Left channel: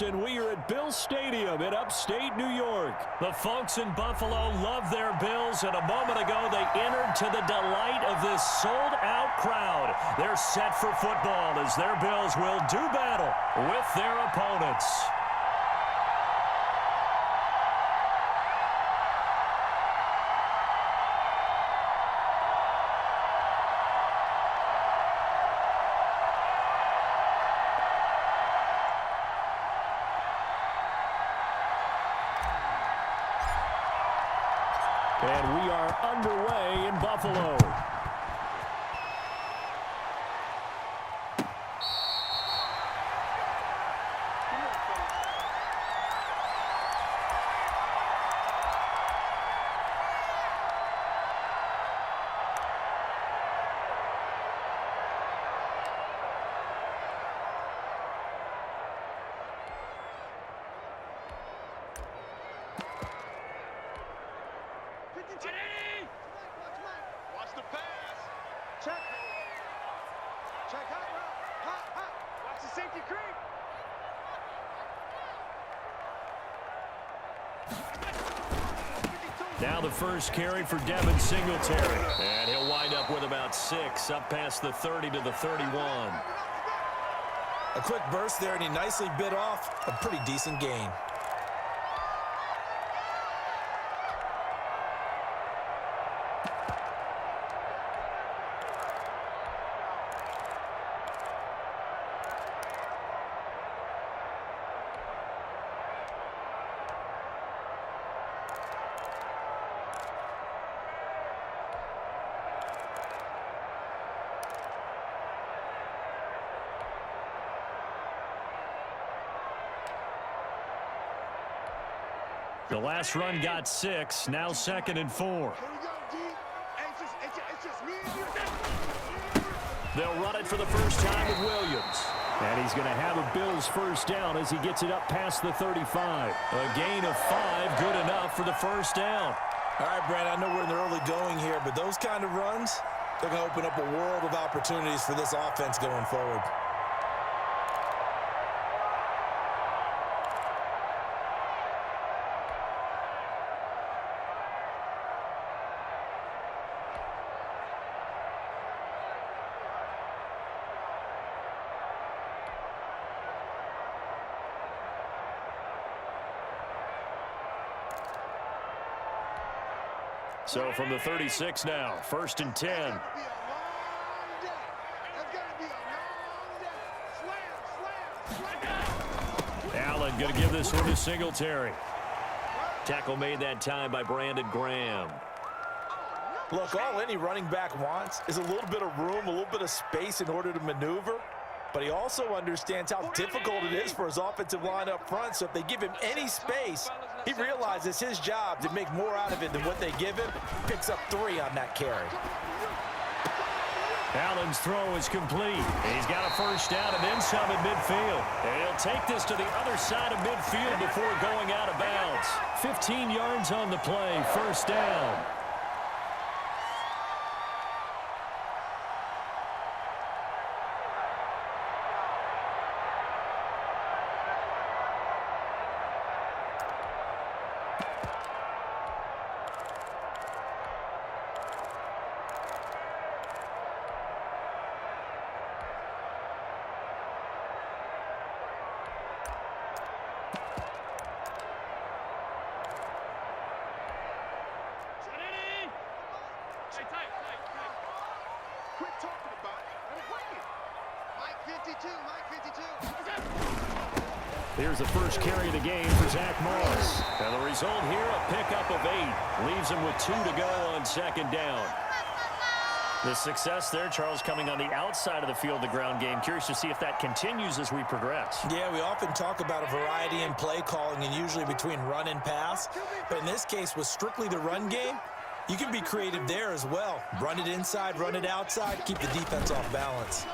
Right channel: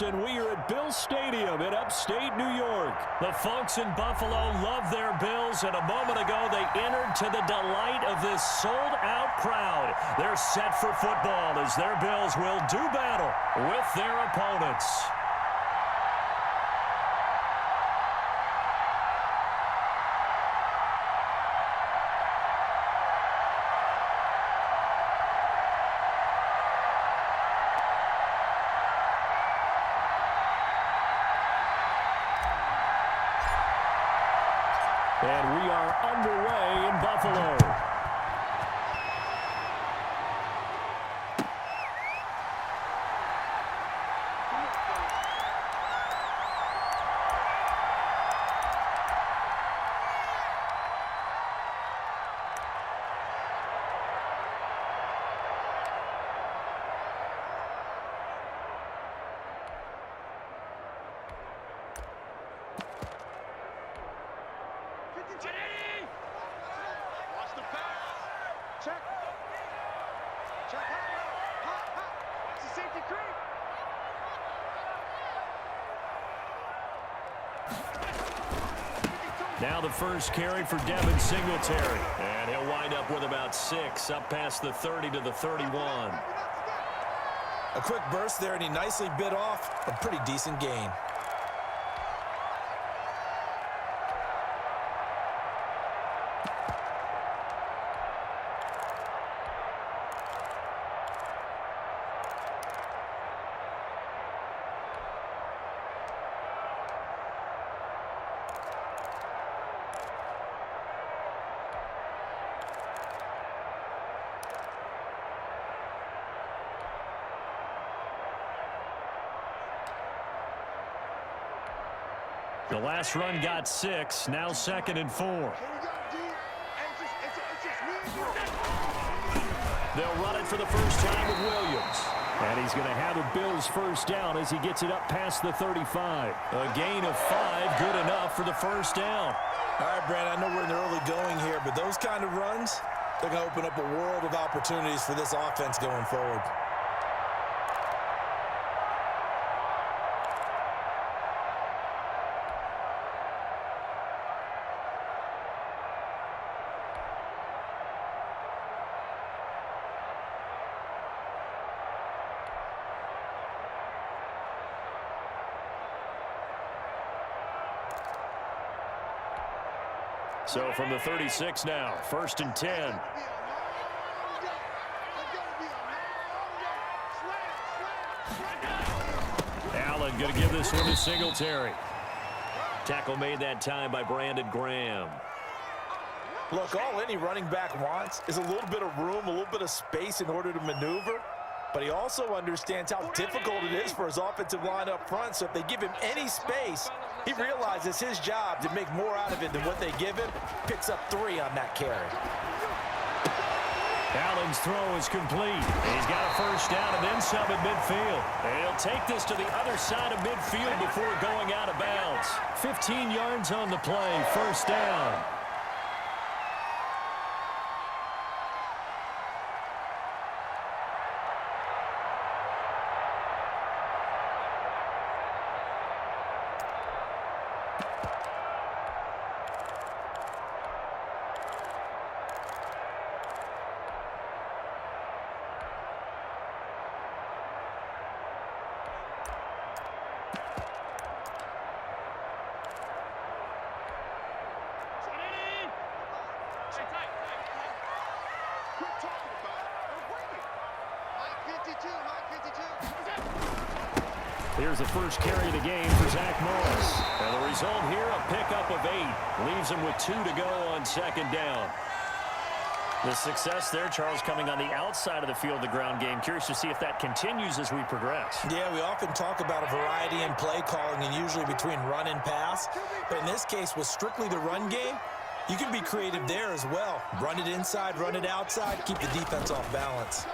Sports, and we are at Bill Stadium in upstate New York. The folks in Buffalo love their Bills, and a moment ago they entered to the delight of this sold-out crowd. They're set for football as their Bills will do battle with their opponents. And we are underway in Buffalo. Watch the pass. Check. Check hot route. Hot. Watch the safety creep. Now the first carry for Devin Singletary. And he'll wind up with about 6, up past the 30 to the 31. A quick burst there, and he nicely bit off a pretty decent gain. The last run got 6, now 2nd and 4. Here we go, D. It's just me and you. They'll run it for the first time with Williams. And he's going to have a Bills first down as he gets it up past the 35. A gain of 5, good enough for the first down. All right, Brad, I know we're in the early going here, but those kind of runs, they're going to open up a world of opportunities for this offense going forward. So from the 36 now, 1st and 10. Allen going to give this one to Singletary. Tackle made that time by Brandon Graham. Look, all any running back wants is a little bit of room, a little bit of space in order to maneuver. But he also understands how difficult it is for his offensive line up front. So if they give him any space, he realizes his job to make more out of it than what they give him. Picks up 3 on that carry. Allen's throw is complete. He's got a first down and then some at midfield. And he'll take this to the other side of midfield before going out of bounds. 15 yards on the play, first down. Quit talking about it and wing it. Mike 52. Here's the first carry of the game for Zach Moss. And the result here, a pickup of 8. Leaves him with 2 to go on 2nd down. The success there, Charles, coming on the outside of the field, the ground game. Curious to see if that continues as we progress. Yeah, we often talk about a variety in play calling and usually between run and pass. But in this case, with strictly the run game, you can be creative there as well. Run it inside, run it outside, keep the defense off balance.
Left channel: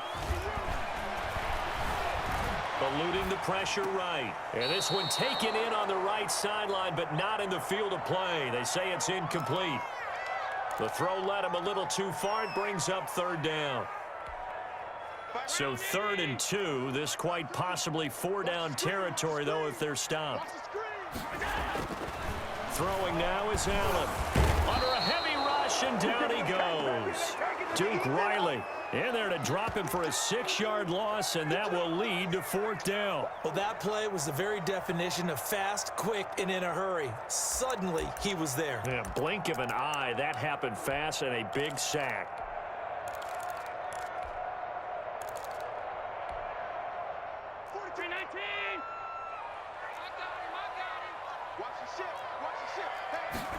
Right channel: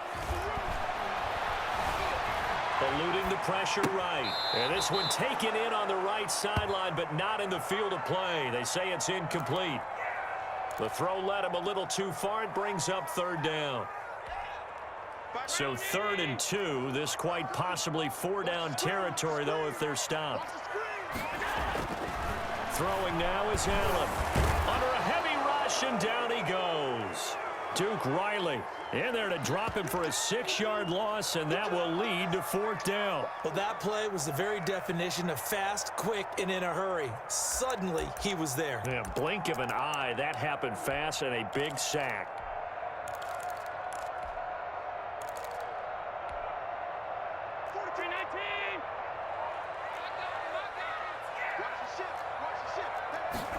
Eluding the pressure right. And this one taken in on the right sideline, but not in the field of play. They say it's incomplete. The throw led him a little too far. It brings up 3rd down. So 3rd and 2. This quite possibly 4-down territory, though, if they're stopped. Throwing now is Allen. Under a heavy rush, and down he goes. Duke Riley in there to drop him for a 6-yard loss, and that will lead to 4th down. Well, that play was the very definition of fast, quick, and in a hurry. Suddenly, he was there. Yeah, blink of an eye, that happened fast, and a big sack. 43-19. Watch the ship. Watch the ship.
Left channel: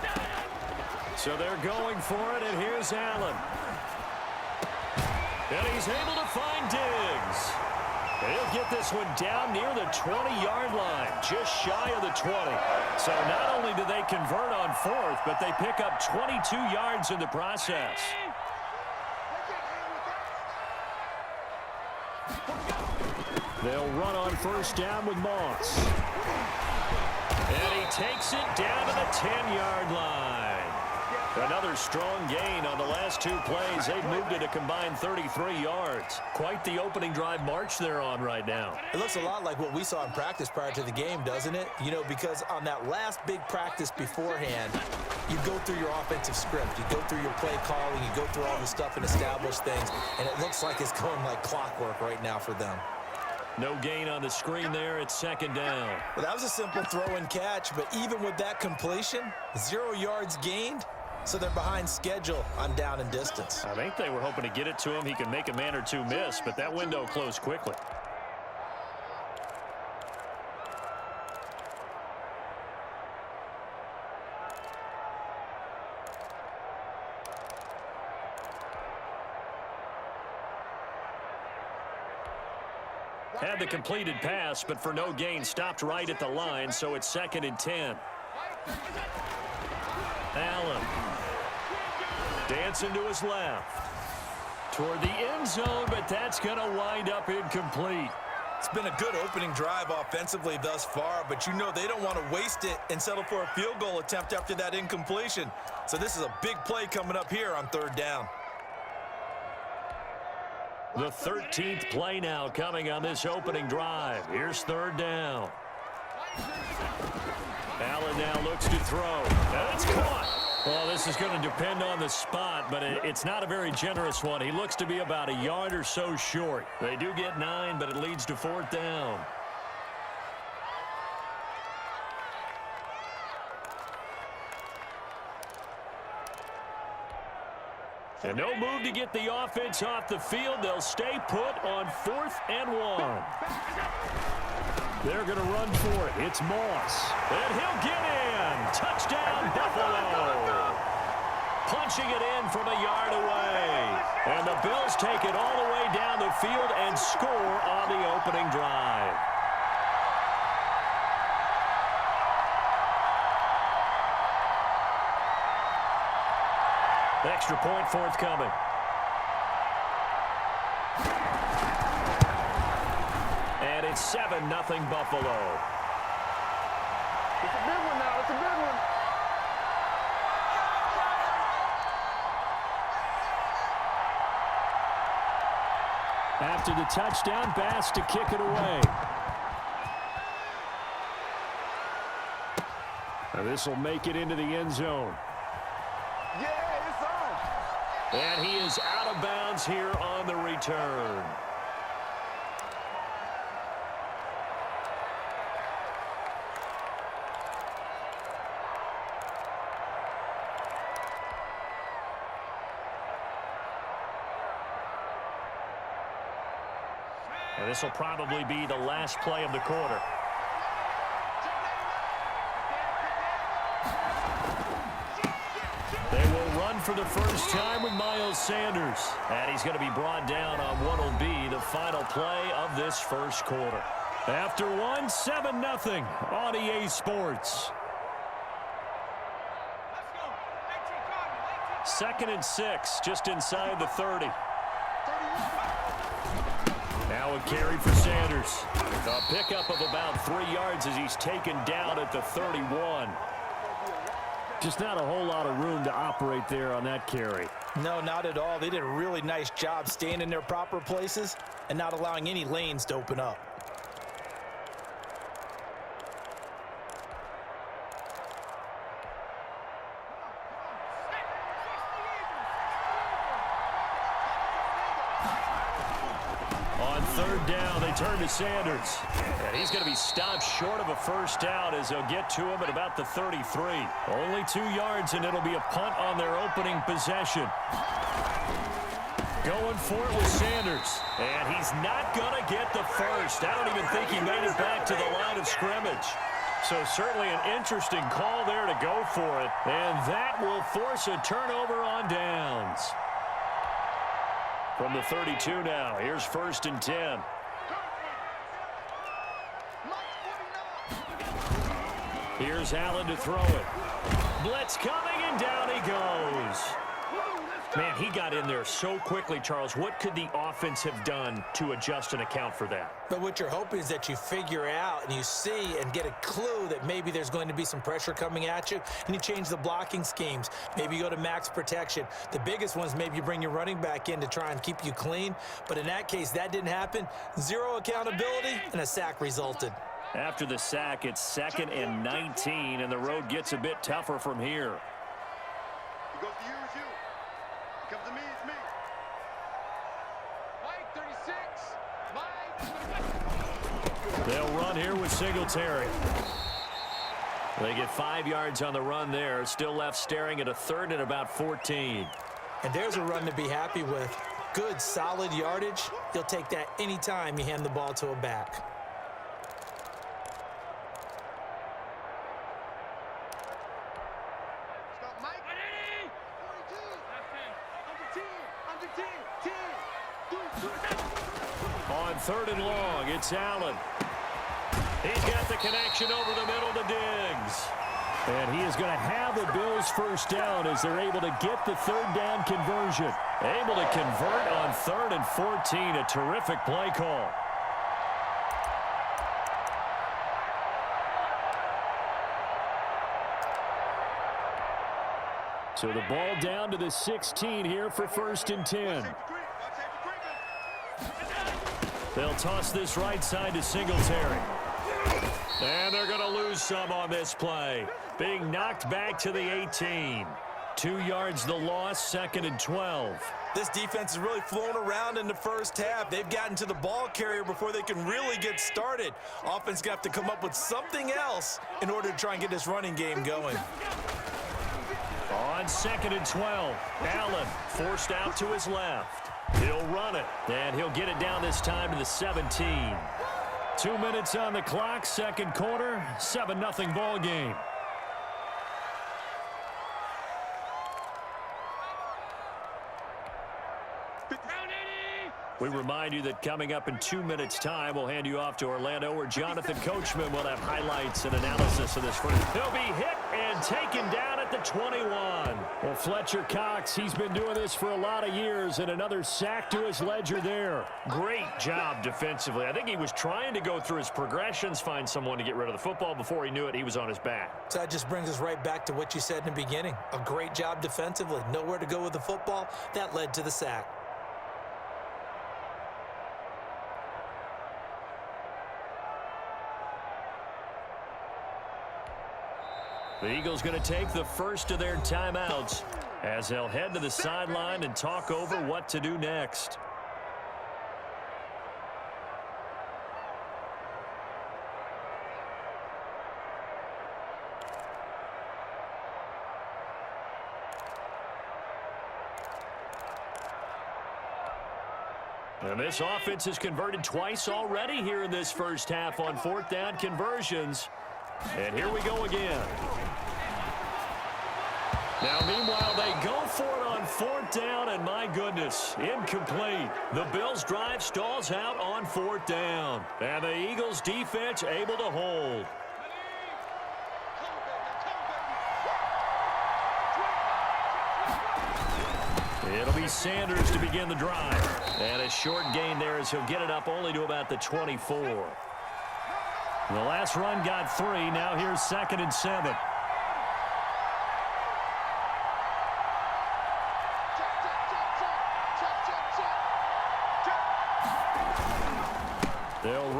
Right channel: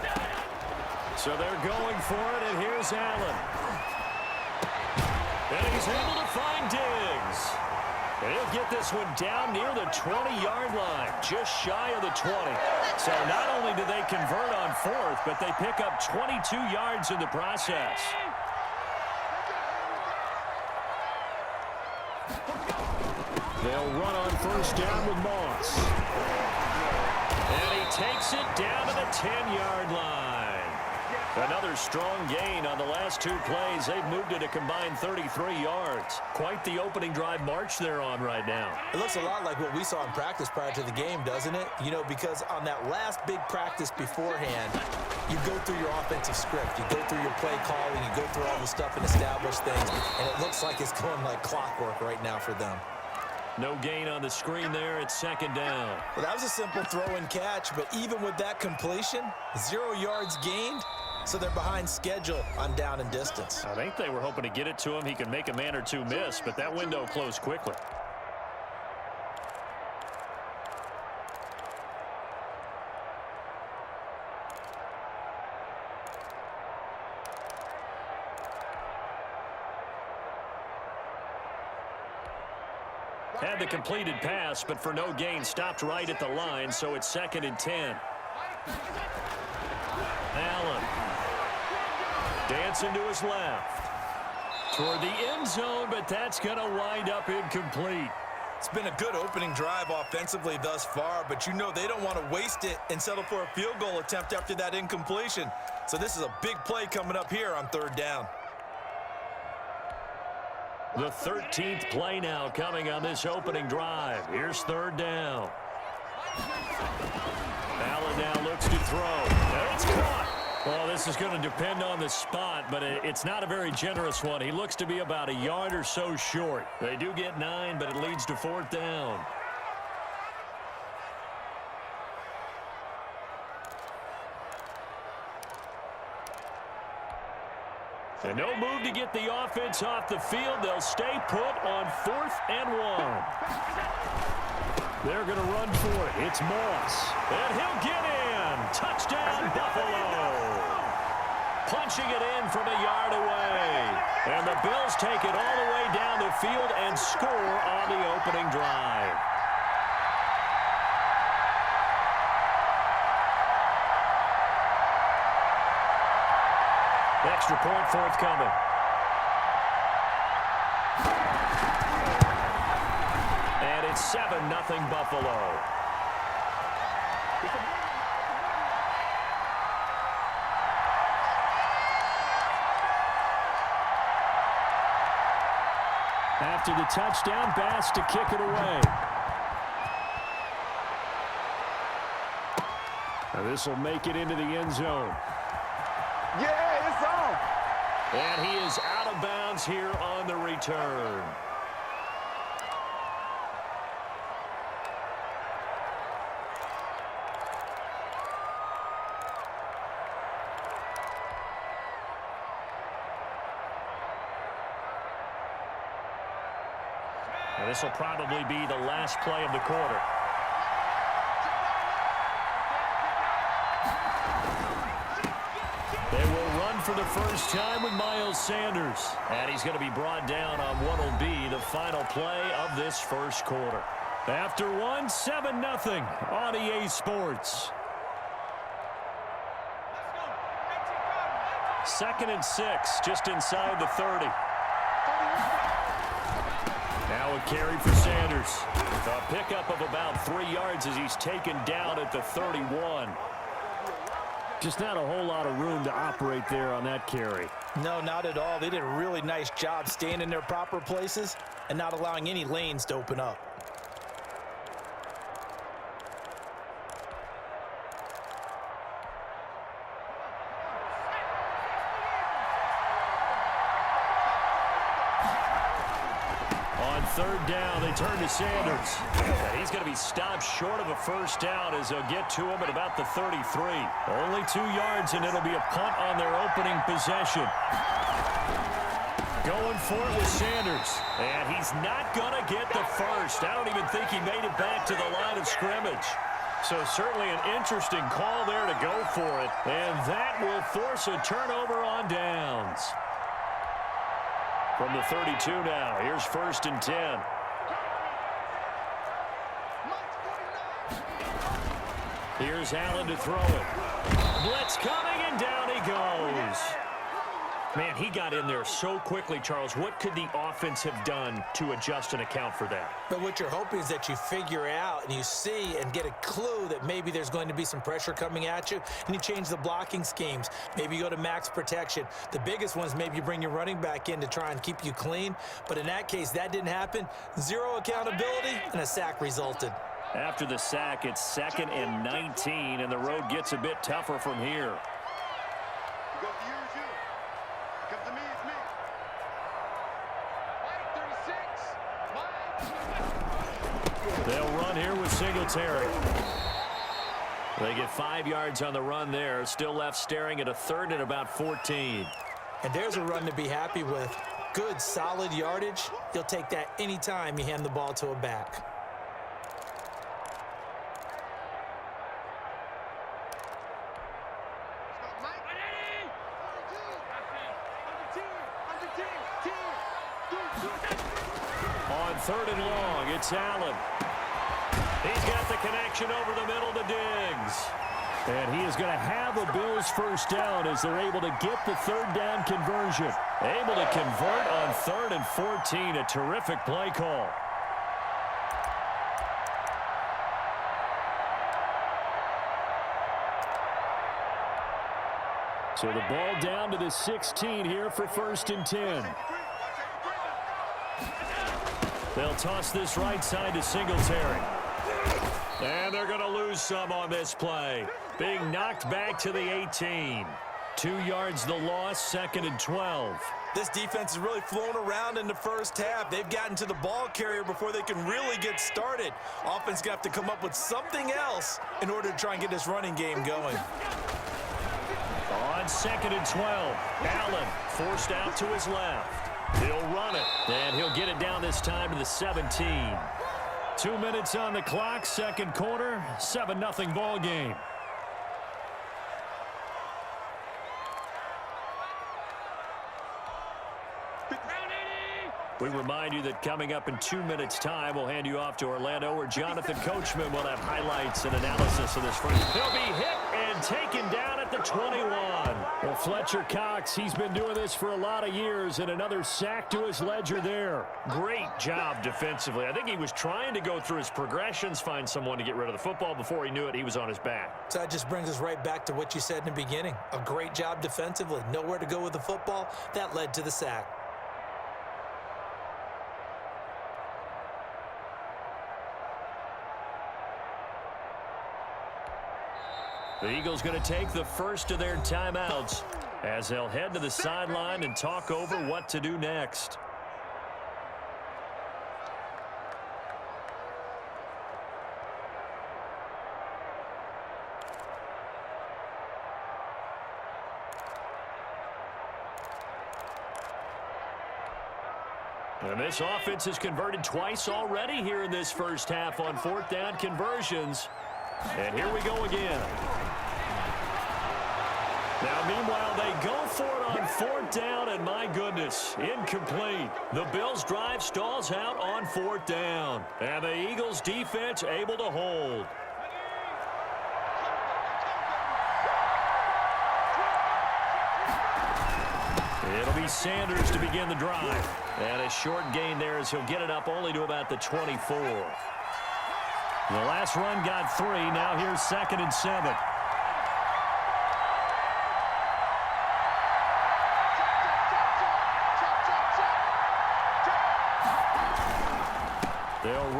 Hey. So they're going for it, and here's Allen. And he's able to find Diggs. And he'll get this one down near the 20-yard line, just shy of the 20. So not only do they convert on 4th, but they pick up 22 yards in the process. They'll run on 1st down with Moss. And he takes it down to the 10-yard line. Another strong gain on the last 2 plays. They've moved it a combined 33 yards. Quite the opening drive march they're on right now. It looks a lot like what we saw in practice prior to the game, doesn't it? You know, because on that last big practice beforehand, you go through your offensive script. You go through your play calling. You go through all the stuff and establish things. And it looks like it's going like clockwork right now for them. No gain on the screen there. It's 2nd down. Well, that was a simple throw and catch, but even with that completion, 0 yards gained. So they're behind schedule on down and distance. I think they were hoping to get it to him. He could make a man or two miss, but that window closed quickly. Had the completed pass, but for no gain, stopped right at the line, so it's 2nd and 10. Allen. Dancing to his left. Toward the end zone, but that's going to wind up incomplete. It's been a good opening drive offensively thus far, but you know they don't want to waste it and settle for a field goal attempt after that incompletion. So this is a big play coming up here on 3rd down. The 13th play now coming on this opening drive. Here's 3rd down. Allen now looks to throw. And it's caught. Well, this is going to depend on the spot, but it's not a very generous one. He looks to be about a yard or so short. They do get 9, but it leads to 4th down. And no move to get the offense off the field. They'll stay put on 4th and 1. They're going to run for it. It's Moss. And he'll get in. Touchdown, Buffalo. Punching it in from a yard away. And the Bills take it all the way down the field and score on the opening drive. Extra point forthcoming. And it's 7-0 Buffalo. It's a big one now. It's a big one. After the touchdown, Bass to kick it away. Now this will make it into the end zone. Yeah, it's on. And he is out of bounds here on the return. And this will probably be the last play of the quarter. They will run for the first time with Miles Sanders. And he's going to be brought down on what will be the final play of this first quarter. After 7-0 on EA Sports. 2nd and 6, just inside the 30. Now a carry for Sanders. A pickup of about 3 yards as he's taken down at the 31. Just not a whole lot of room to operate there on that carry. No, not at all. They did a really nice job staying in their proper places and not allowing any lanes to open up. On third down, they turn to Sanders. And he's going to be stopped short of a first down as they'll get to him at about the 33. Only 2 yards, and it'll be a punt on their opening possession. Going for it with Sanders. And he's not going to get the first. I don't even think he made it back to the line of scrimmage. So certainly an interesting call there to go for it. And that will force a turnover on downs. From the 32 now, here's 1st and 10. Here's Allen to throw it. Blitz coming, and down he goes. Man, he got in there so quickly, Charles. What could the offense have done to adjust and account for that? But what you're hoping is that you figure out and you see and get a clue that maybe there's going to be some pressure coming at you, and you change the blocking schemes. Maybe you go to max protection. The biggest ones, maybe you bring your running back in to try and keep you clean. But in that case, that didn't happen. 0 accountability, and a sack resulted. After the sack, it's 2nd and 19, and the road gets a bit tougher from here. He goes to you, it's you. He comes to me, it's me. Mike, 36. Mike. They'll run here with Singletary. They get 5 yards on the run there. Still left staring at a 3rd and about 14. And there's a run to be happy with. Good, solid yardage. You'll take that anytime you hand the ball to a back. On 3rd and long, it's Allen. He's got the connection over the middle to Diggs. And he is going to have a Bills first down as they're able to get the 3rd down conversion. Able to convert on 3rd and 14. A terrific play call. So the ball down to the 16 here for 1st and 10. They'll toss this right side to Singletary. And they're going to lose some on this play. Being knocked back to the 18. 2 yards the loss, 2nd and 12. This defense has really flown around in the first half. They've gotten to the ball carrier before they can really get started. Offense going to have to come up with something else in order to try and get this running game going. On 2nd and 12, Allen forced out to his left. He'll run it, and he'll get it down this time to the 17. 2 minutes on the clock, 2nd quarter, 7-0 ball game. We remind you that coming up in 2 minutes' time, we'll hand you off to Orlando, where Jonathan Coachman will have highlights and analysis of this first. He'll be hit and taken down at the 21. Well, Fletcher Cox, he's been doing this for a lot of years, and another sack to his ledger there. Great job defensively. I think he was trying to go through his progressions, find someone to get rid of the football. Before he knew it, he was on his back. So that just brings us right back to what you said in the beginning. A great job defensively. Nowhere to go with the football. That led to the sack. The Eagles going to take the first of their timeouts as they'll head to the sideline and talk over what to do next. And this offense has converted twice already here in this first half on 4th down conversions. And here we go again. Now, meanwhile, they go for it on 4th down, and my goodness, incomplete. The Bills' drive stalls out on 4th down, and the Eagles' defense able to hold. It'll be Sanders to begin the drive. And a short gain there as he'll get it up only to about the 24. The last run got 3. Now here's 2nd and 7.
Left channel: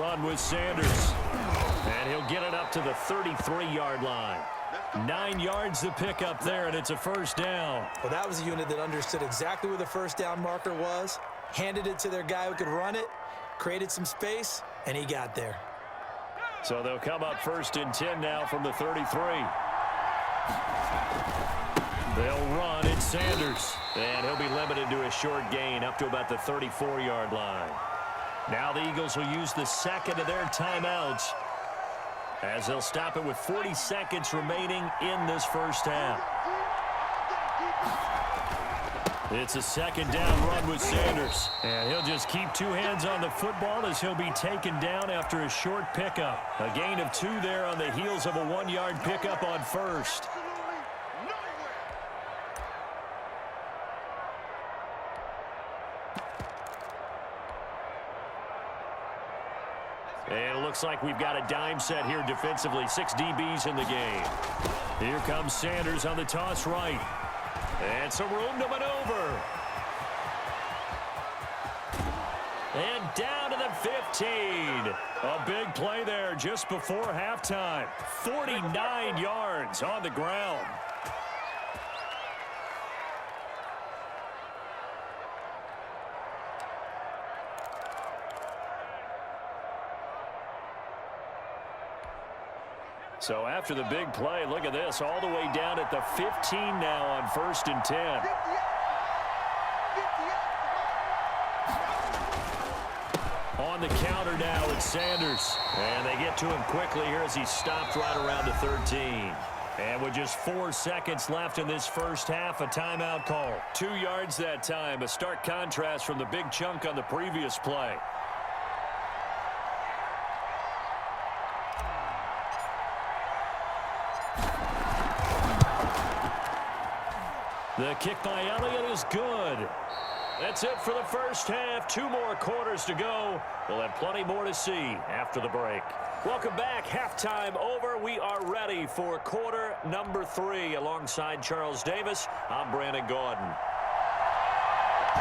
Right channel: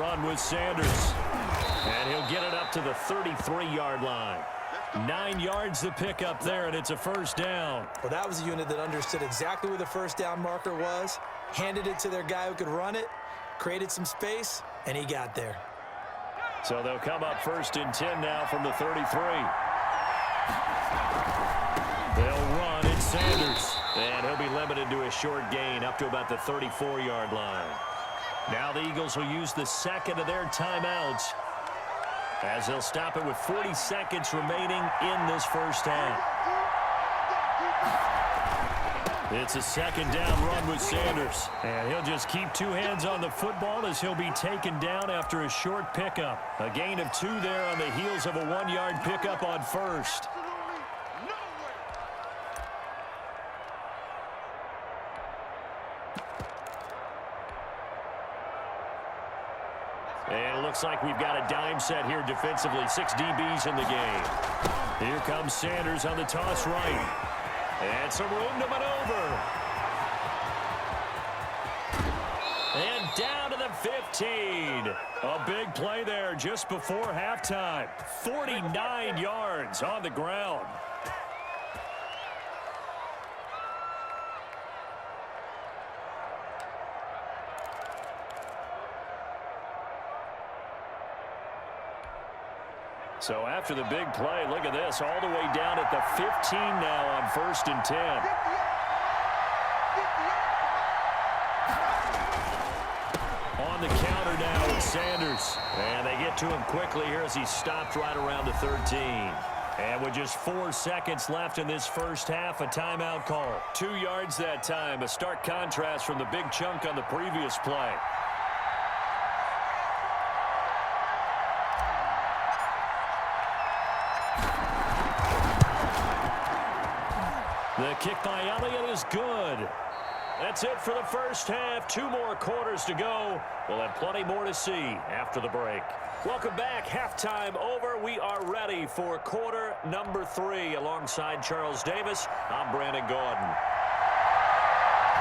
run with Sanders. And he'll get it up to the 33-yard line. 9 yards to pick up there, and it's a first down. Well, that was a unit that understood exactly where the first down marker was, handed it to their guy who could run it, created some space, and he got there. So they'll come up 1st and 10 now from the 33. They'll run. It's Sanders. And he'll be limited to a short gain up to about the 34-yard line. Now the Eagles will use the second of their timeouts as they'll stop it with 40 seconds remaining in this first half. It's a second down run with Sanders. And he'll just keep 2 hands on the football as he'll be taken down after a short pickup. A gain of 2 there on the heels of a 1-yard pickup on first. And it looks like we've got a dime set here defensively. 6 DBs in the game. Here comes Sanders on the toss right. And some room to maneuver. And down to the 15. A big play there just before halftime. 49 yards on the ground. So after the big play, look at this, all the way down at the 15 now on 1st and 10. On the counter now, it's Sanders. And they get to him quickly here as he stopped right around the 13. And with just 4 seconds left in this first half, a timeout call. 2 yards that time, a stark contrast from the big chunk on the previous play. The kick by Elliott is good. That's it for the first half. 2 more quarters to go. We'll have plenty more to see after the break. Welcome back. Halftime over. We are ready for quarter number 3. Alongside Charles Davis, I'm Brandon Gordon.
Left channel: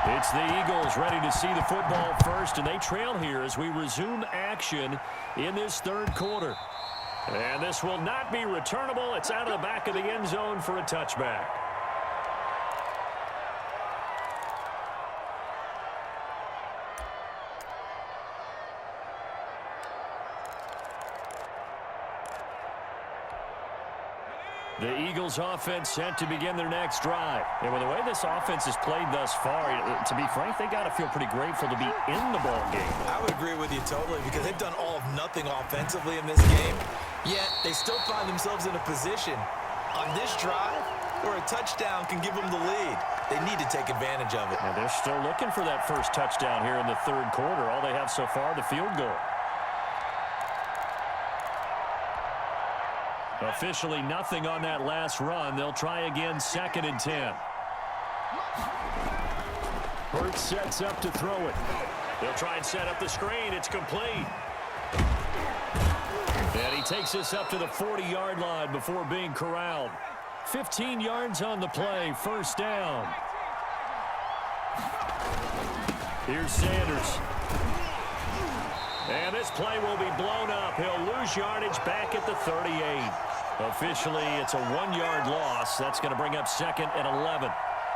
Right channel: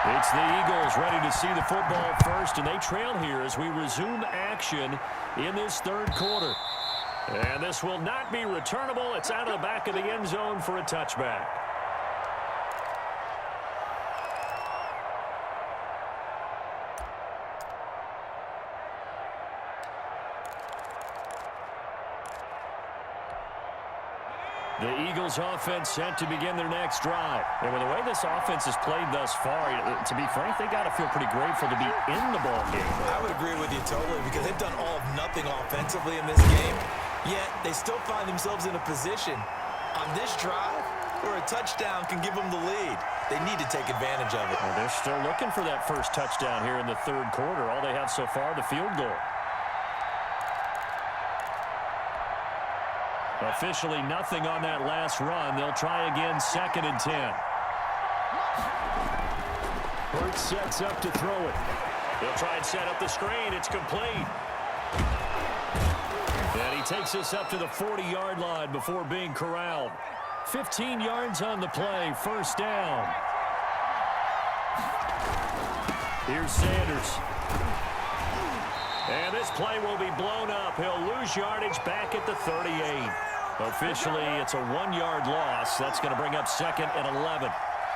It's the Eagles ready to see the football first, and they trail here as we resume action in this third quarter. And this will not be returnable. It's out of the back of the end zone for a touchback. The Eagles offense set to begin their next drive. And with the way this offense has played thus far, to be frank, they got to feel pretty grateful to be in the ball game. I would agree with you totally because they've done all of nothing offensively in this game, yet they still find themselves in a position on this drive where a touchdown can give them the lead. They need to take advantage of it. And they're still looking for that first touchdown here in the third quarter. All they have so far, the field goal. Officially nothing on that last run. They'll try again, 2nd and 10. Hurts sets up to throw it. They'll try and set up the screen. It's complete. And he takes this up to the 40-yard line before being corralled. 15 yards on the play, first down. Here's Sanders. And this play will be blown up. He'll lose yardage back at the 38. Officially, it's a 1-yard loss. That's going to bring up 2nd and 11.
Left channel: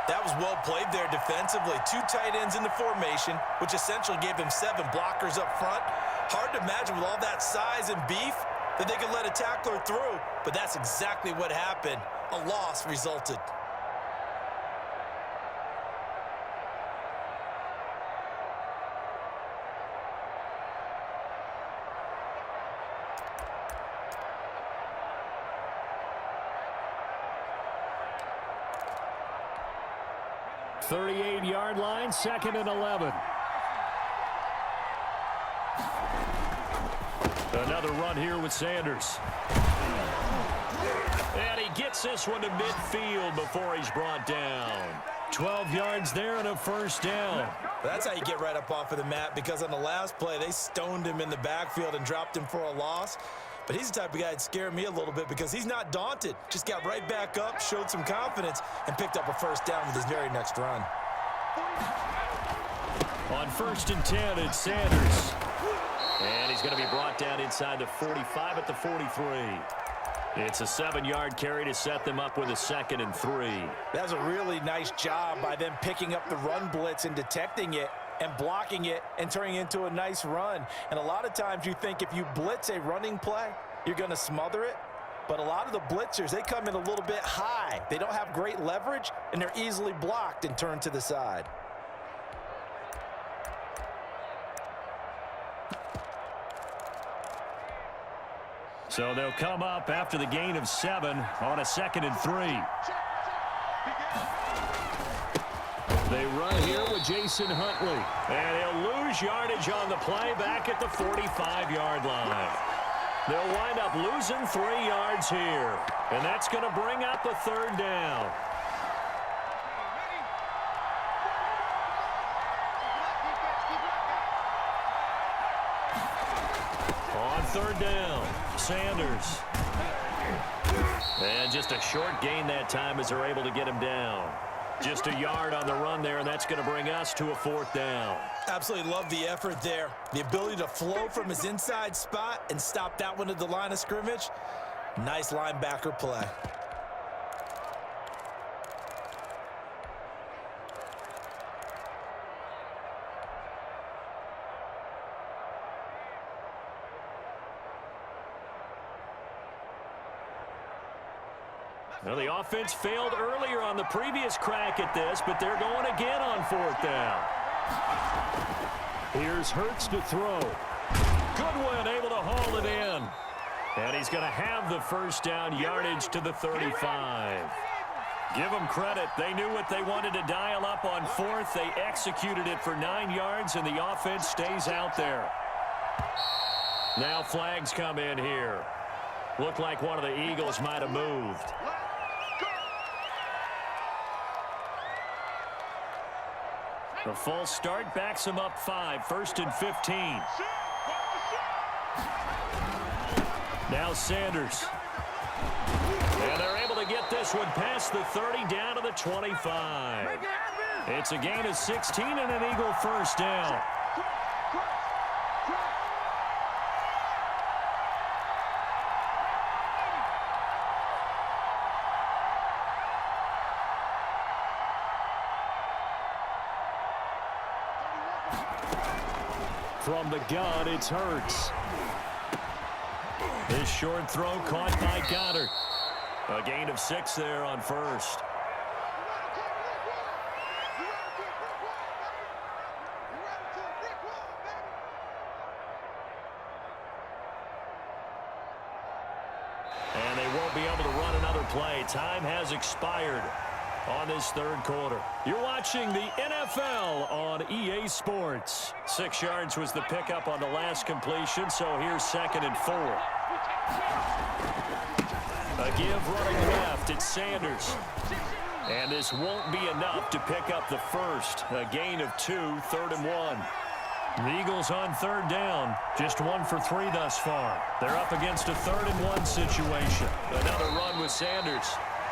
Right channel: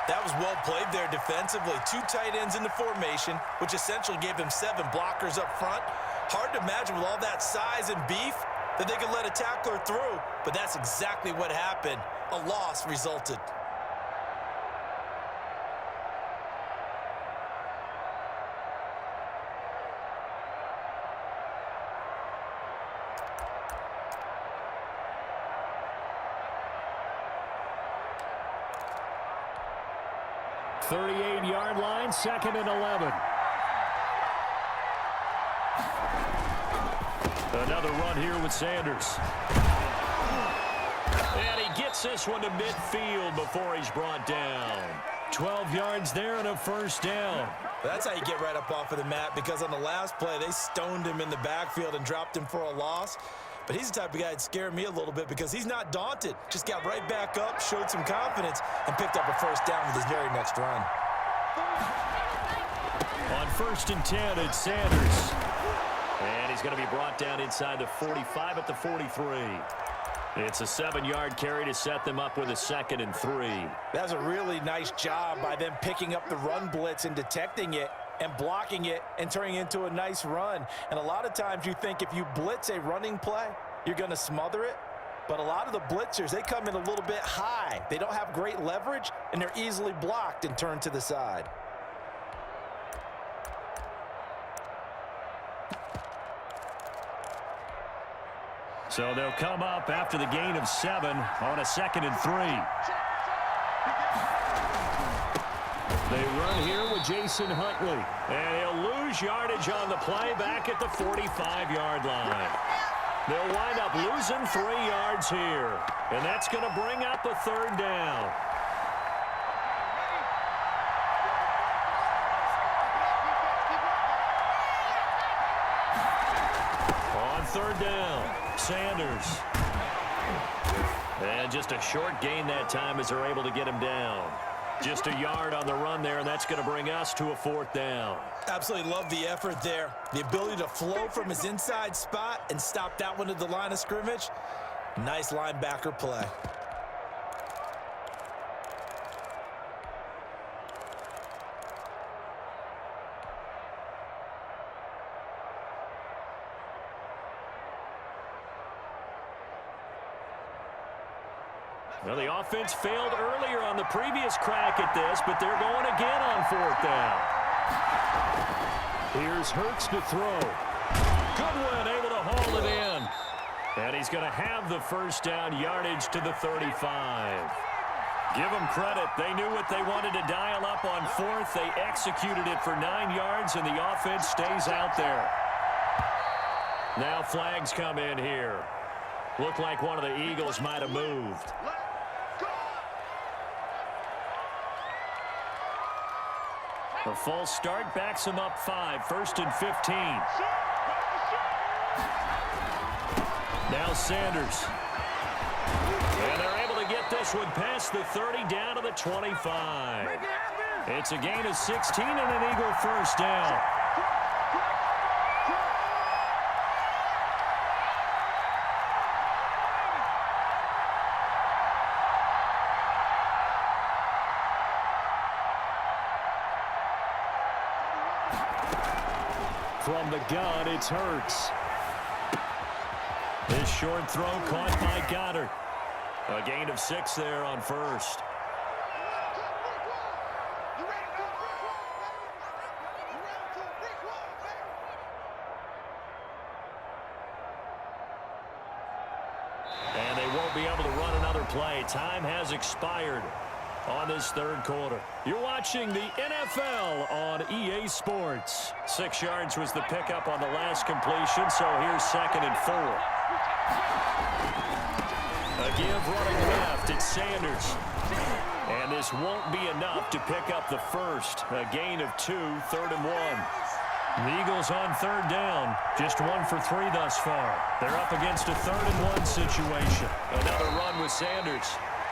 That was well played there defensively. 2 tight ends in the formation, which essentially gave them 7 blockers up front. Hard to imagine with all that size and beef that they could let a tackler through, but that's exactly what happened. A loss resulted. The 38-yard line, 2nd and 11. Another run here with Sanders. And he gets this one to midfield before he's brought down. 12 yards there and a first down. That's how you get right up off of the mat, because on the last play, they stoned him in the backfield and dropped him for a loss. But he's the type of guy that scared me a little bit because he's not daunted. Just got right back up, showed some confidence, and picked up a first down with his very next run. On 1st and 10, it's Sanders. And he's going to be brought down inside the 45 at the 43. It's a 7-yard carry to set them up with a 2nd and 3. That's a really nice job by them picking up the run blitz and detecting it and blocking it and turning it into a nice run. And a lot of times you think if you blitz a running play, you're going to smother it. But a lot of the blitzers, they come in a little bit high. They don't have great leverage, and they're easily blocked and turned to the side. So they'll come up after the gain of 7 on a 2nd and 3. They run here with Jason Huntley. And he'll lose yardage on the play back at the 45-yard line. They'll wind up losing 3 yards here. And that's going to bring up a 3rd down. On 3rd down, Sanders. And just a short gain that time as they're able to get him down. Just a yard on the run there, and that's going to bring us to a 4th down. Absolutely love the effort there. The ability to flow from his inside spot and stop that one at the line of scrimmage. Nice linebacker play. Well, the offense failed earlier on the previous crack at this, but they're going again on 4th down. Here's Hurts to throw. Goodwin able to haul it in. And he's going to have the 1st down yardage to the 35. Give them credit. They knew what they wanted to dial up on 4th. They executed it for 9 yards, and the offense stays out there. Now flags come in here. Looked like one of the Eagles might have moved. The false start backs him up 5, 1st and 15. Now Sanders. And they're able to get this one past the 30 down to the 25. It's a gain of 16 and an Eagle 1st down. From the gun, it's Hurts. This short throw caught by Goddard. A gain of 6 there on 1st. And they won't be able to run another play. Time has expired on this 3rd quarter. You're watching the NFL on EA Sports. 6 yards was the pickup on the last completion, so here's 2nd and 4. A give running left, it's Sanders. And this won't be enough to pick up the 1st. A gain of 2, 3rd and 1. The Eagles on 3rd down, just 1 for 3 thus far. They're up against a 3rd and 1 situation. Another run with Sanders.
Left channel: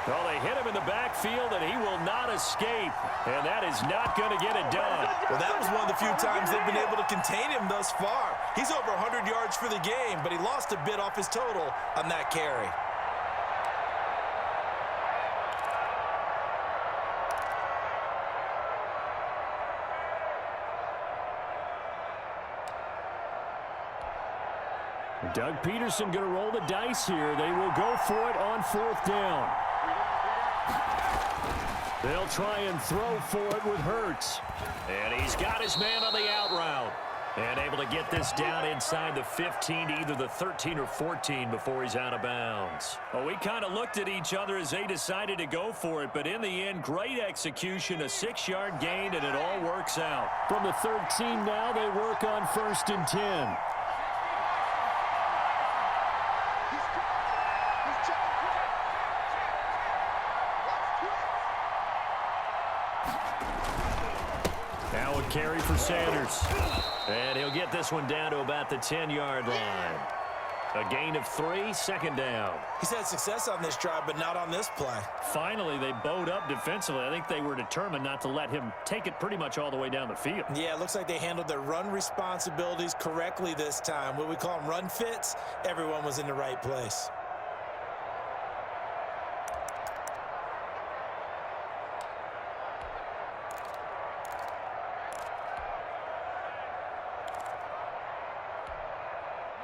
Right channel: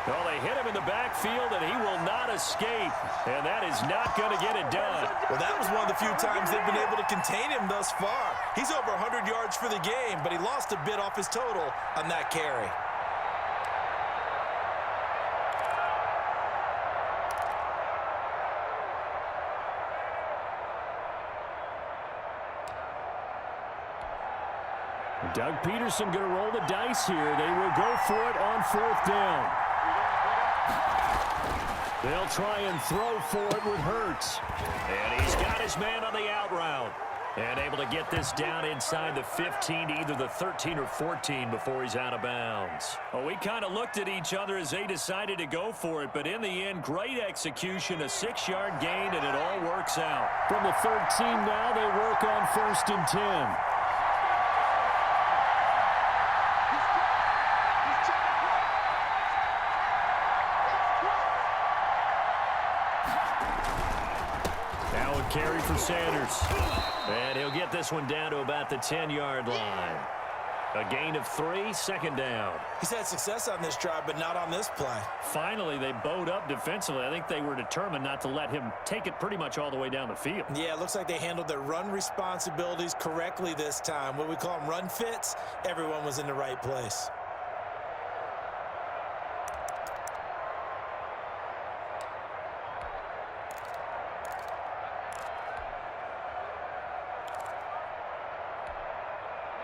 Well, they hit him in the backfield, and he will not escape. And that is not going to get it done. Well, that was one of the few times they've been able to contain him thus far. He's over 100 yards for the game, but he lost a bit off his total on that carry. Doug Peterson going to roll the dice here. They will go for it on 4th down. They'll try and throw for it with Hurts. And he's got his man on the out route. And able to get this down inside the 15 to either the 13 or 14 before he's out of bounds. Well, we kind of looked at each other as they decided to go for it. But in the end, great execution, a 6-yard gain, and it all works out. From the 13 now, they work on 1st and 10. Carry for Sanders. And he'll get this one down to about the 10-yard line. A gain of 3, second down. He's had success on this drive, but not on this play. Finally, they bowed up defensively. I think they were determined not to let him take it pretty much all the way down the field. Yeah, it looks like they handled their run responsibilities correctly this time. What we call them run fits, everyone was in the right place.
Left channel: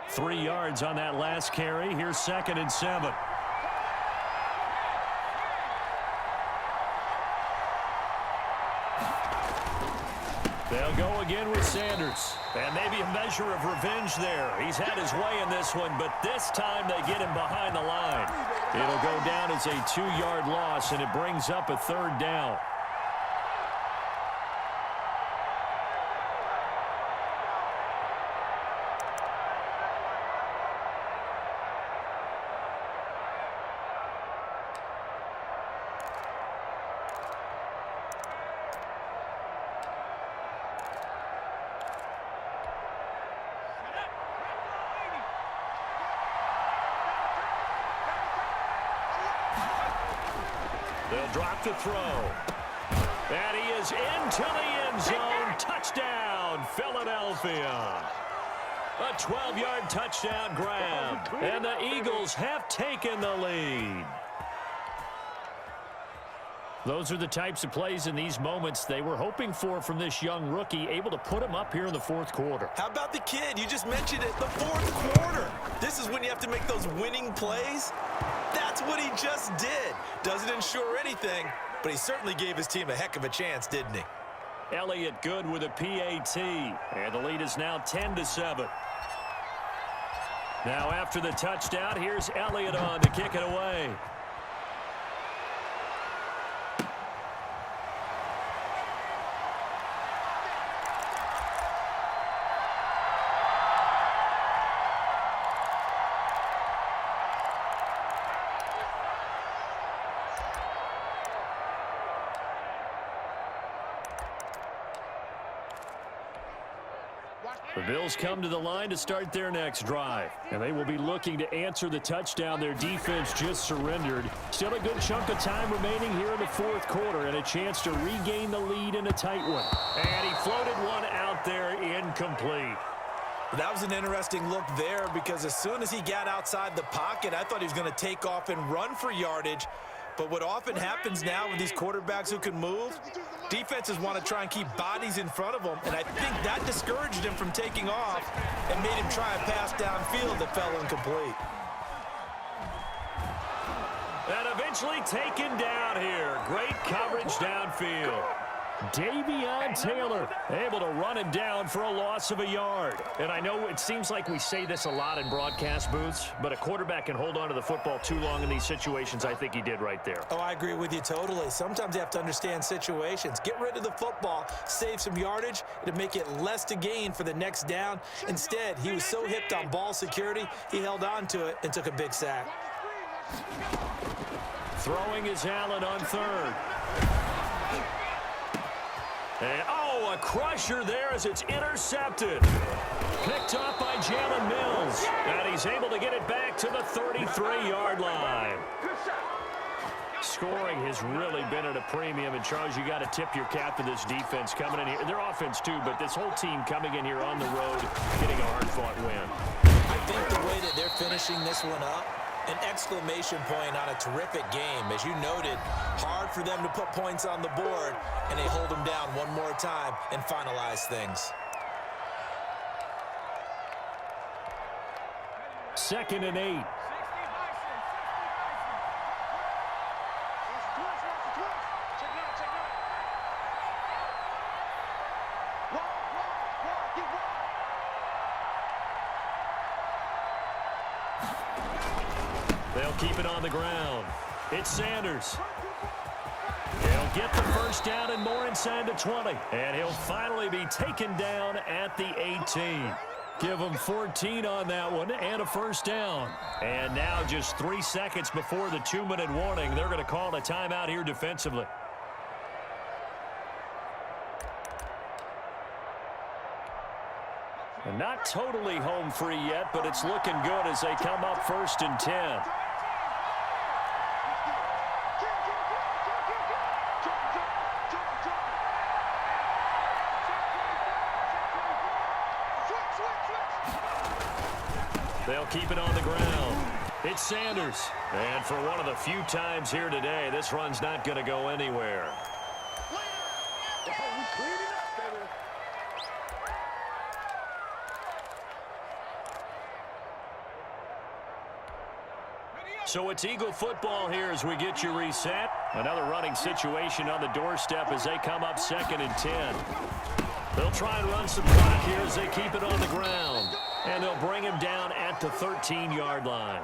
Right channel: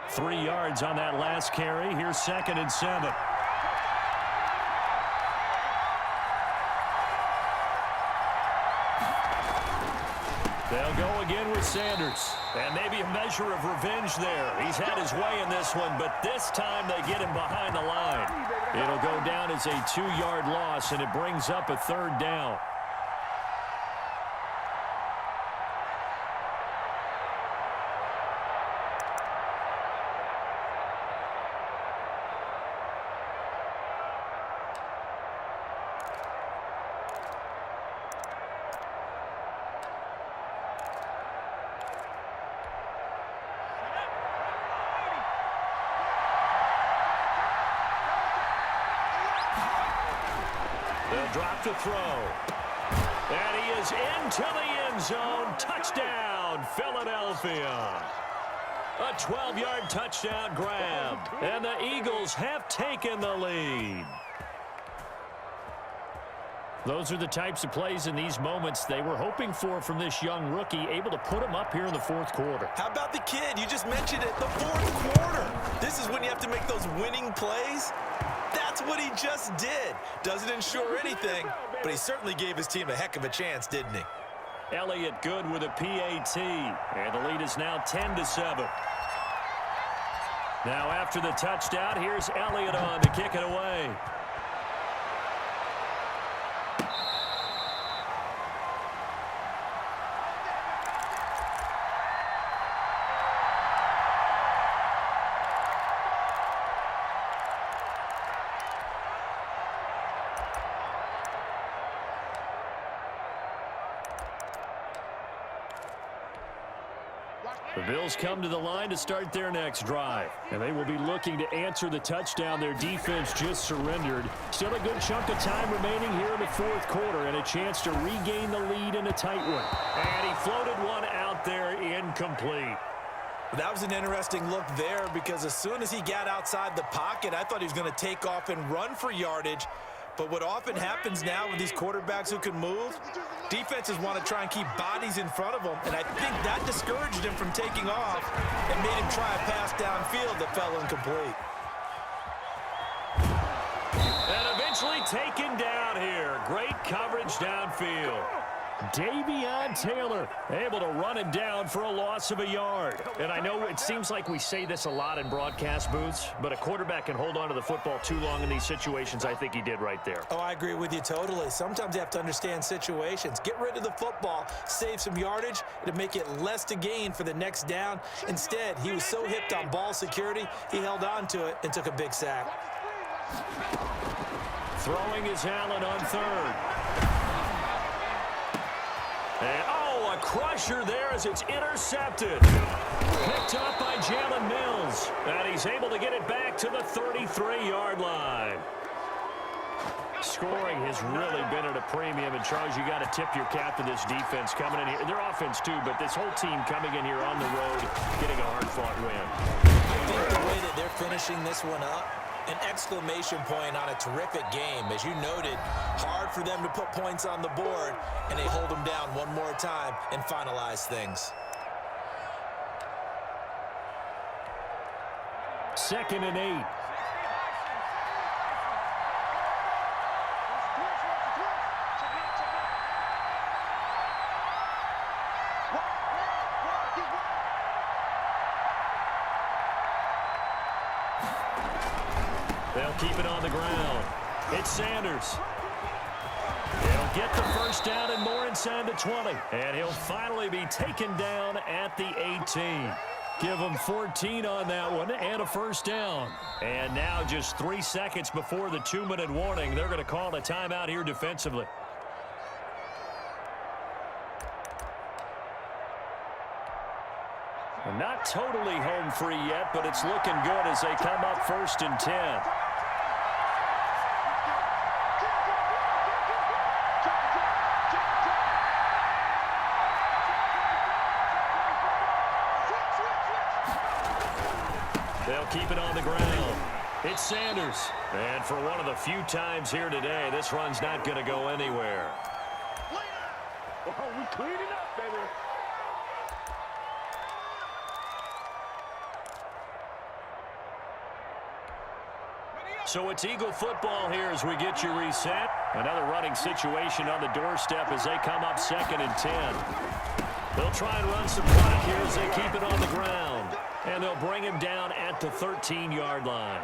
Three yards on that last carry. Here's 2nd and 7. They'll go again with Sanders. And maybe a measure of revenge there. He's had his way in this one, but this time they get him behind the line. It'll go down as a 2-yard loss, and it brings up a 3rd down. They'll drop to throw. And he is into the end zone. Touchdown, Philadelphia. A 12-yard touchdown grab. And the Eagles have taken the lead. Those are the types of plays in these moments they were hoping for from this young rookie, able to put him up here in the 4th quarter. How about the kid? You just mentioned it, the 4th quarter. This is when you have to make those winning plays. That's what he just did. Doesn't ensure anything, but he certainly gave his team a heck of a chance, didn't he? Elliott good with a PAT, and the lead is now 10-7. Now after the touchdown, here's Elliott on to kick it away. The Bills come to the line to start their next drive, and they will be looking to answer the touchdown their defense just surrendered. Still a good chunk of time remaining here in the 4th quarter and a chance to regain the lead in a tight one. And he floated one out there incomplete. That was an interesting look there because as soon as he got outside the pocket, I thought he was going to take off and run for yardage. But what often happens now with these quarterbacks who can move, defenses want to try and keep bodies in front of them, and I think that discouraged him from taking off and made him try a pass downfield that fell incomplete. And eventually taken down here. Great coverage downfield. Davion Taylor able to run him down for a loss of a yard. And I know it seems like we say this a lot in broadcast booths, but a quarterback can hold on to the football too long in these situations. I think he did right there. Oh, I agree with you totally. Sometimes you have to understand situations. Get rid of the football, save some yardage, it'll make it less to gain for the next down. Instead, he was so hipped on ball security, he held on to it and took a big sack. Throwing is Allen on 3rd. And, oh, a crusher there as it's intercepted. Picked up by Jalen Mills. And he's able to get it back to the 33-yard line. Scoring has really been at a premium. And, Charles, you got to tip your cap to this defense coming in here. Their offense, too, but this whole team coming in here on the road, getting a hard-fought win. I think the way that they're finishing this one up, an exclamation point on a terrific game. As you noted, hard for them to put points on the board, and they hold them down one more time and finalize things. 2nd and 8. They'll keep it on the ground. It's Sanders. He'll get the first down and more inside the 20. And he'll finally be taken down at the 18. Give him 14 on that one and a first down. And now just 3 seconds before the 2-minute warning, they're going to call a timeout here defensively. And not totally home free yet, but it's looking good as they come up 1st and 10. They'll keep it on the ground. It's Sanders. And for one of the few times here today, this run's not going to go anywhere. Oh, we clean it up, baby. So it's Eagle football here as we get you reset. Another running situation on the doorstep as they come up 2nd and 10. They'll try and run some clock here as they keep it on the ground. And they'll bring him down at the 13-yard line.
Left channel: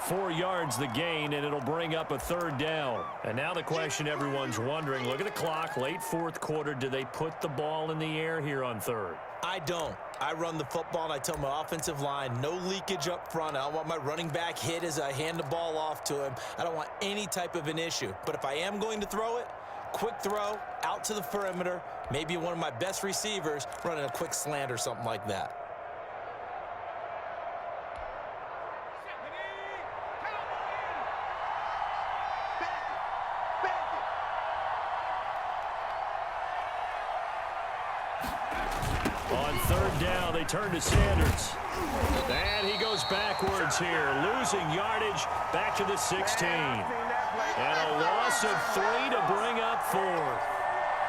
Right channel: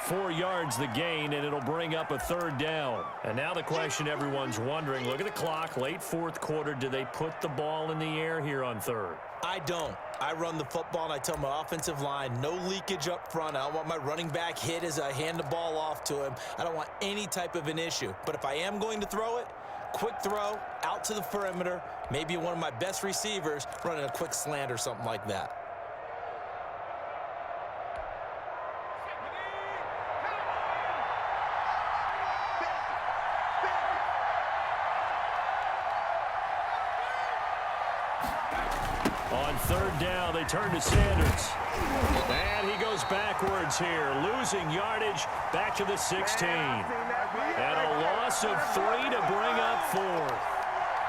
4 yards the gain, and it'll bring up a 3rd down. And now the question everyone's wondering, look at the clock, late 4th quarter, do they put the ball in the air here on 3rd? I don't. I run the football, and I tell my offensive line, no leakage up front. I don't want my running back hit as I hand the ball off to him. I don't want any type of an issue. But if I am going to throw it, quick throw, out to the perimeter, maybe one of my best receivers running a quick slant or something like that. On 3rd down, they turn to Sanders. And he goes backwards here, losing yardage back to the 16. And a loss of 3 to bring up 4th.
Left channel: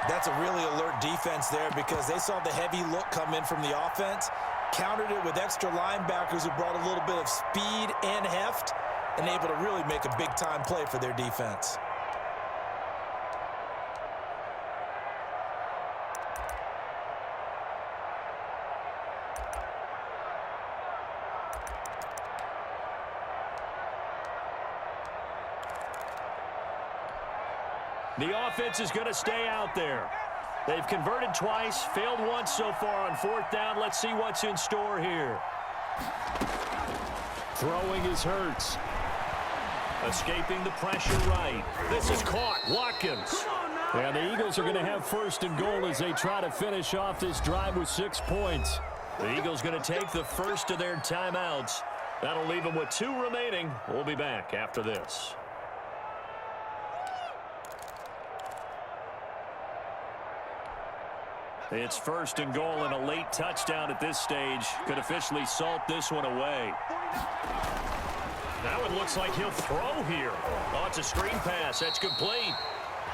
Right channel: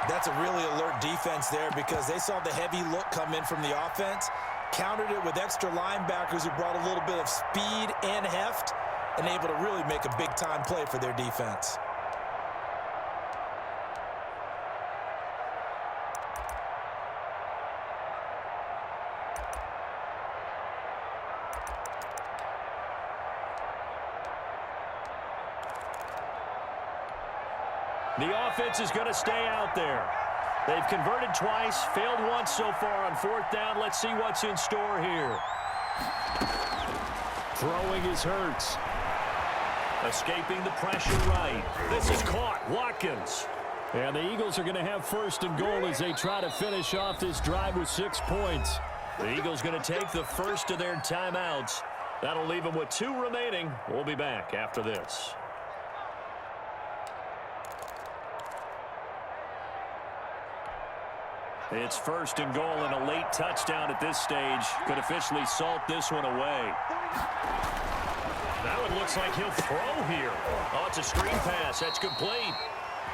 That's a really alert defense there because they saw the heavy look come in from the offense, countered it with extra linebackers who brought a little bit of speed and heft, and able to really make a big-time play for their defense. The offense is going to stay out there. They've converted twice, failed once so far on 4th down. Let's see what's in store here. Throwing is Hurts. Escaping the pressure right. This is caught. Watkins. And the Eagles are going to have 1st and goal as they try to finish off this drive with 6 points. The Eagles going to take the first of their timeouts. That'll leave them with 2 remaining. We'll be back after this. It's 1st and goal, and a late touchdown at this stage could officially salt this one away. That one looks like he'll throw here. Oh, it's a screen pass. That's complete.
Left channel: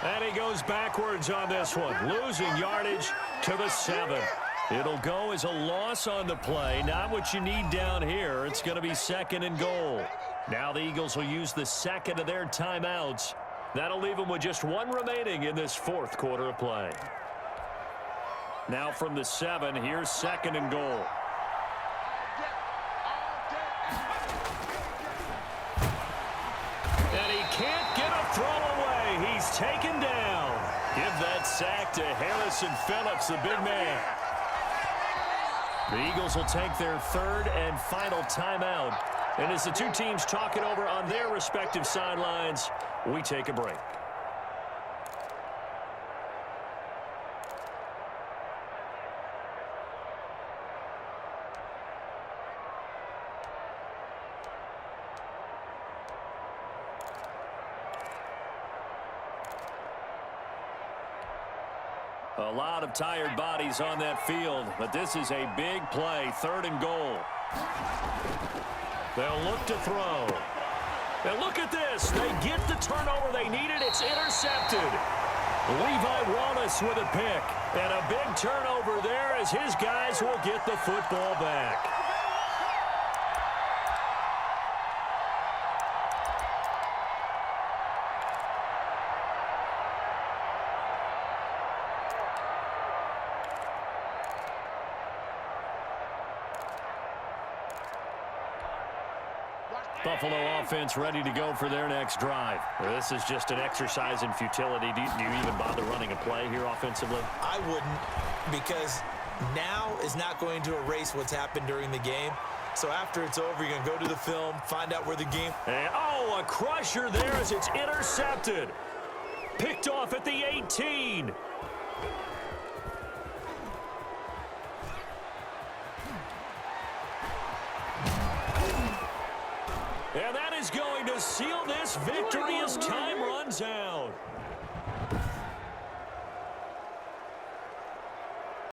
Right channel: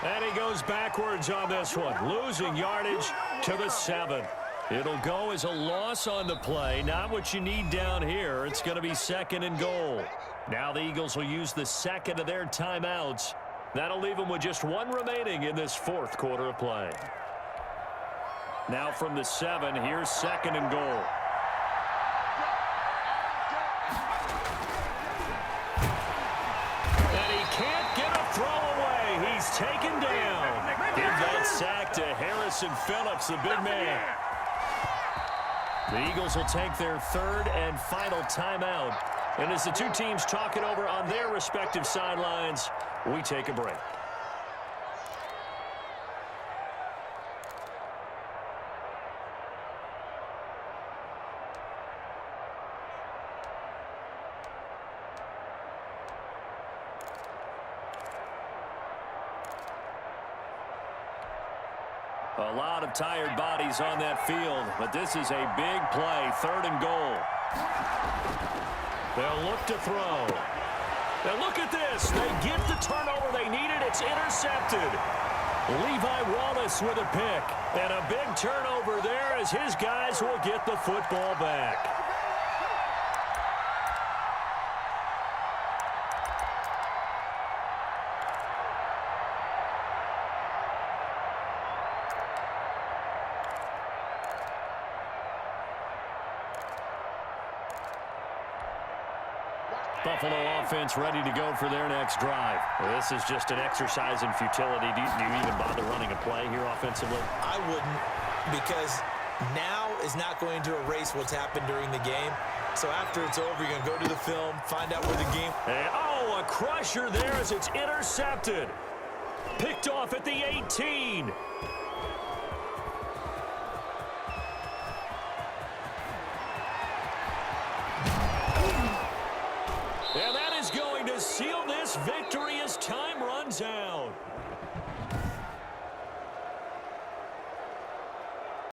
And he goes backwards on this one, losing yardage to the 7. It'll go as a loss on the play. Not what you need down here. It's going to be 2nd and goal. Now the Eagles will use the 2nd of their timeouts. That'll leave them with just 1 remaining in this 4th quarter of play. Now from the 7, here's 2nd and goal. And he can't get a throw away. He's taken down. Give that sack to Harrison Phillips, the big man. The Eagles will take their 3rd and final timeout. And as the 2 teams talk it over on their respective sidelines, we take a break. A lot of tired bodies on that field, but this is a big play, 3rd and goal. They'll look to throw. And look at this. They get the turnover they needed. It's intercepted. Levi Wallace with a pick. And a big turnover there as his guys will get the football back. Buffalo offense ready to go for their next drive. This is just an exercise in futility. Do you even bother running a play here offensively? I wouldn't, because now is not going to erase what's happened during the game. So after it's over, you're going to go to the film, find out where the game... And, oh, a crusher there as it's intercepted. Picked off at the 18. And that is going to seal this victory as time runs out.